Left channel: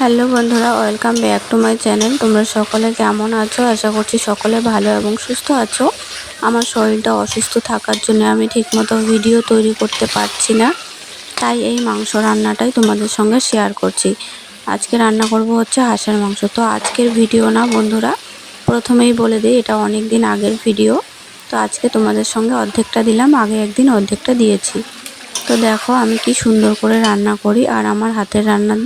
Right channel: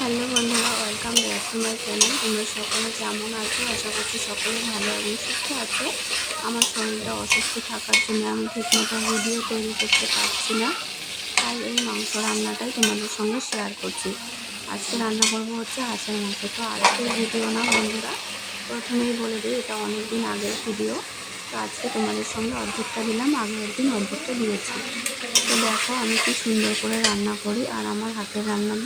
Hello বন্ধুরা, welcome back to my channel. তোমরা সকলে কেমন আছো? আশা করছি সকলে ভালো এবং সুস্থ আছো। আমার শরীরটা অসুস্থ থাকার জন্য আমি ঠিকমতো ভিডিও তৈরি করতে পারছি না। তাই এই মাংস রান্নাটাই তোমাদের সঙ্গে শেয়ার করছি। আজকে রান্না করব হচ্ছে হাঁসের মাংস। তো আজকের ভিডিও না বন্ধুরা, প্রথমেই বলে দিই, এটা অনেক দিন আগের ভিডিও তো আজকে তোমাদের সঙ্গে অর্ধেকটা দিলাম, আগে একদিন অর্ধেকটা দিয়েছি। তো দেখো আমি কি সুন্দর করে রান্না করি, আর আমার হাতের রান্না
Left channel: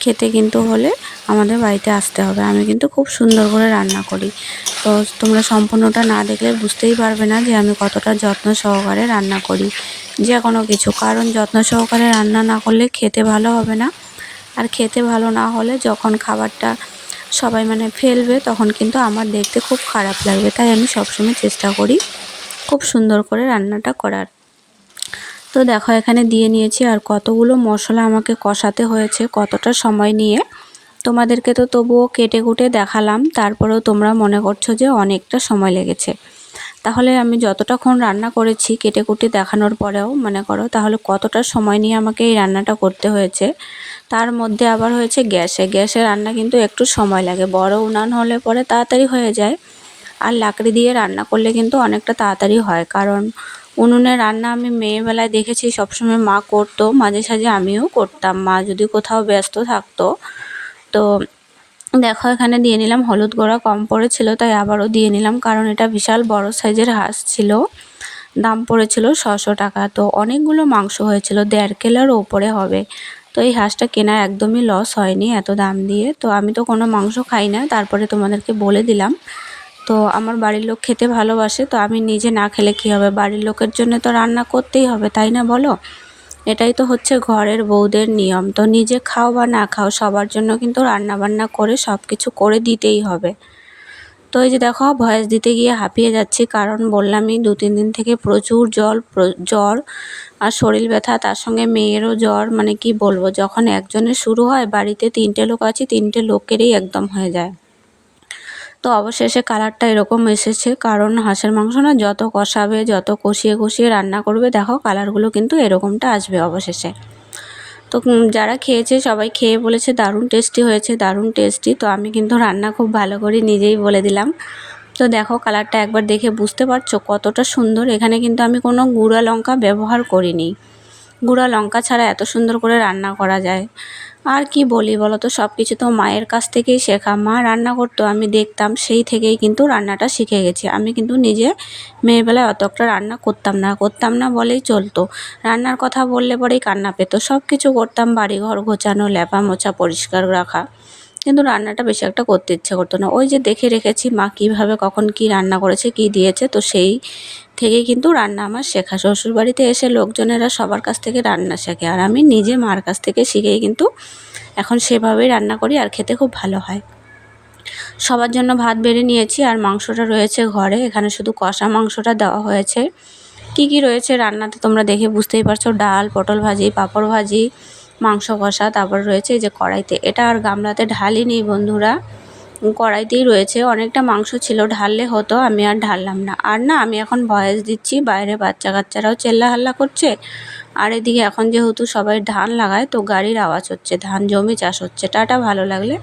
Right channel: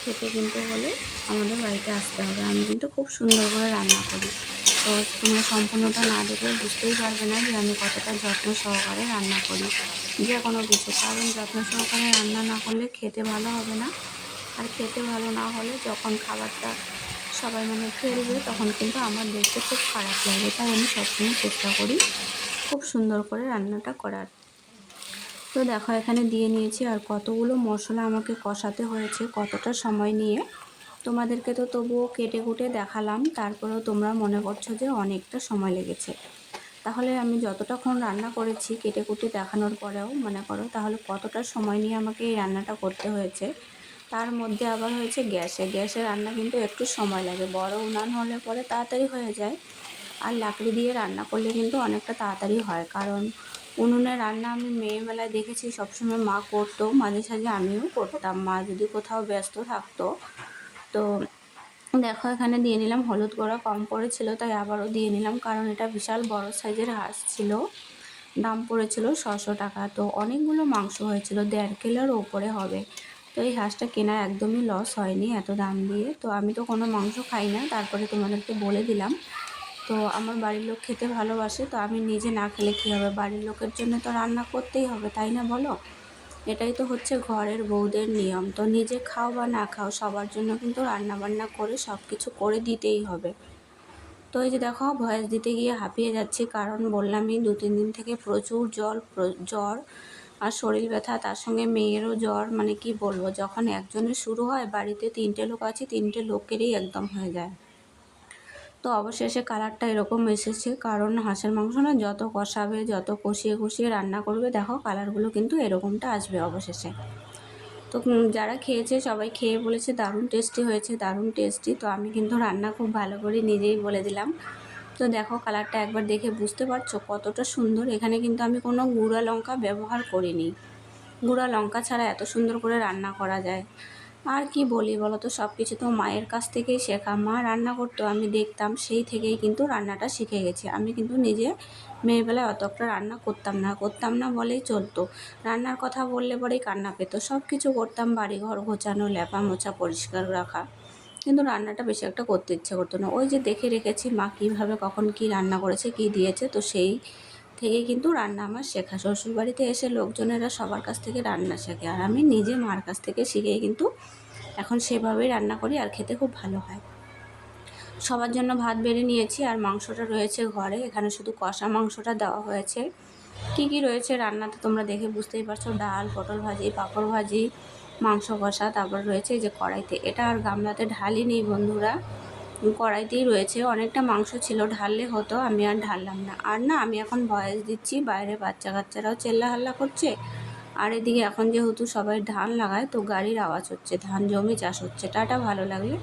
খেতে কিন্তু হলে আমাদের বাড়িতে আসতে হবে। আমি কিন্তু খুব সুন্দর করে রান্না করি। তো তোমরা সম্পূর্ণটা না দেখলে বুঝতেই পারবে না যে আমি কতটা যত্ন সহকারে রান্না করি। যে কোনো কিছু। কারণ যত্ন সহকারে রান্না না করলে খেতে ভালো হবে না। আর খেতে ভালো না হলে যখন খাবারটা সবাই মানে ফেলবে তখন কিন্তু আমার দেখতে খুব খারাপ লাগবে। তাই আমি সবসময় চেষ্টা করি খুব সুন্দর করে রান্নাটা করার। তো দেখো, এখানে দিয়ে নিয়েছি আর কতগুলো মশলা আমাকে কষাতে হয়েছে কতটা সময় নিয়ে। তোমাদেরকে তো তবুও কেটে কুটে দেখালাম, তারপরেও তোমরা মনে করছ যে অনেকটা সময় লেগেছে। তাহলে আমি যতটাক্ষণ রান্না করেছি কেটে কুটে দেখানোর পরেও, মনে করো, তাহলে কতটা সময় নিয়ে আমাকে এই রান্নাটা করতে হয়েছে। তার মধ্যে আবার হয়েছে গ্যাসে। গ্যাসে রান্না কিন্তু একটু সময় লাগে। বড় উনান হলে পরে তাড়াতাড়ি হয়ে যায়। আর লাকড়ি দিয়ে রান্না করলে কিন্তু অনেকটা তাড়াতাড়ি হয়। কারণ উনুনে রান্না আমি মেয়েবেলায় দেখেছি, সবসময় মা করতো, মাঝে সাঝে আমিও করতাম। মা যদি কোথাও ব্যস্ত থাকতো, তো দেখো এখানে দিয়ে নিলাম হলুদ গোড়া, কম পড়েছিল তাই আবারও দিয়ে নিলাম, কারণ এটা বিশাল বড় সাইজের হাঁস ছিল, দাম পড়েছিল ছশো টাকা। তো অনেকগুলো মাংস হয়েছিল, দেড় কিলোর ওপরে হবে। তো এই হাঁসটা কেনা একদমই লস হয়নি এত দাম দিয়ে। তো আমি তো কোনো মাংস খাই না, তারপরে তোমাদেরকে বলে দিলাম। তো আমার বাড়ির লোক খেতে ভালোবাসে, তো আমি নিজে না খেলে কী হবে? বাড়ির লোকের জন্য তো রান্না করতেই হবে, তাই না বলো? এটাই তো হচ্ছে ঘরের বউদের নিয়ম। তো নিজে খাও বা না খাও, সবার জন্য কিন্তু রান্না বান্না করে সব কিছু করে দিতেই হবে। তো এই যে দেখো, ভয়েস দিতে গিয়ে হাঁপিয়ে যাচ্ছি, কারণ বললামই দু তিন দিন থেকে প্রচুর জল জ্বর আর শরীর ব্যথা, তার সঙ্গে মেয়েরও জ্বর মানে কি বলব, যখন একজনের শুরু হয়, বাড়িতে তিনটে লোক আছে, তিনটে লোকেরই একদম হয়ে যায়। তো অবশেষে কালারটা এরকম এসেছে। কারণ হাঁসের মাংস না যত কষাবে, যত কষিয়ে কষিয়ে রান্না করবে, দেখো কালারগুলো কিন্তু এরকমটা আসবে অবশেষে। তো যারা খেয়েছে সবাই খেয়ে বলেছে দারুণ টেস্টি হয়েছে, দারুণ টেস্টি। তো আমি কিন্তু রান্না খুব ভালো করে নিজেই বলে দিলাম। তো দেখো কালারটা একবার দেখে বুঝতে পারছ কতটা সুন্দর। এখানে কিন্তু আমি কোনো গুঁড়া লঙ্কা ব্যবহার করিনি। গুঁড়া লঙ্কা ছাড়া এত সুন্দর করে রান্না করা যায়। আর কি বলি বলো তো সব কিছু তো মায়ের কাছ থেকেই শেখা। মা রান্না করতো, আমি দেখতাম সেই থেকেই কিন্তু রান্নাটা শিখে গেছি। আমি কিন্তু নিজে মেয়েবেলায় অত একটা রান্না করতাম না। করতাম না বলেই চলতো। রান্নার কথা বললে পরেই কান্না পেতো। সব কিছু করতাম, বাড়িঘর গোছানো ল্যাপা মোছা, পরিষ্কার রাখা। কিন্তু রান্নাটা বেশি একটা করতে ইচ্ছে করতো না। ওই যে দেখে রেখেছি মা কীভাবে কখন কি রান্না করেছে, কি দিয়েছে, তো সেই থেকেই কিন্তু রান্না আমার শেখা। শ্বশুরবাড়িতে এসে লোকজনেরা সবার কাছ থেকে রান্না শেখে আর আমি নিজে মার কাছ থেকে শিখেই কিন্তু এখন সেভাবেই রান্না করি আর খেতে খুব ভালো হয়। সবার জন্য ভাত বেড়ে নিয়েছি আর মাংসটা রয়েছে ঘরে। এখানে শুধু কষা মাংসটা দেওয়া হয়েছে। কি কি রয়েছে রান্নাতে তোমরা দেখে বুঝতেই পারছ? ডাল, পটল ভাজি, পাঁপড় ভাজি মাংস কষা, তারপর রয়েছে এই যে কড়াইতে। এটা আর গামলাতে ঢালি নেই বন্ধুরা। কড়াইতেই রয়েছে। অনেকটা মাংস ছিল, ঢাললে হতো, আমি আর ঢাললাম না। আর না, আমি এখন ভয়েস দিচ্ছি, বাইরে বাচ্চা কাচ্চারাও চেল্লা হাল্লা করছে। আর এদিকে এখন যেহেতু সবাই ধান লাগায়, তো গাড়ির আওয়াজ হচ্ছে, ধান জমি চাষ হচ্ছে। টাটা, ভালো লাগলে।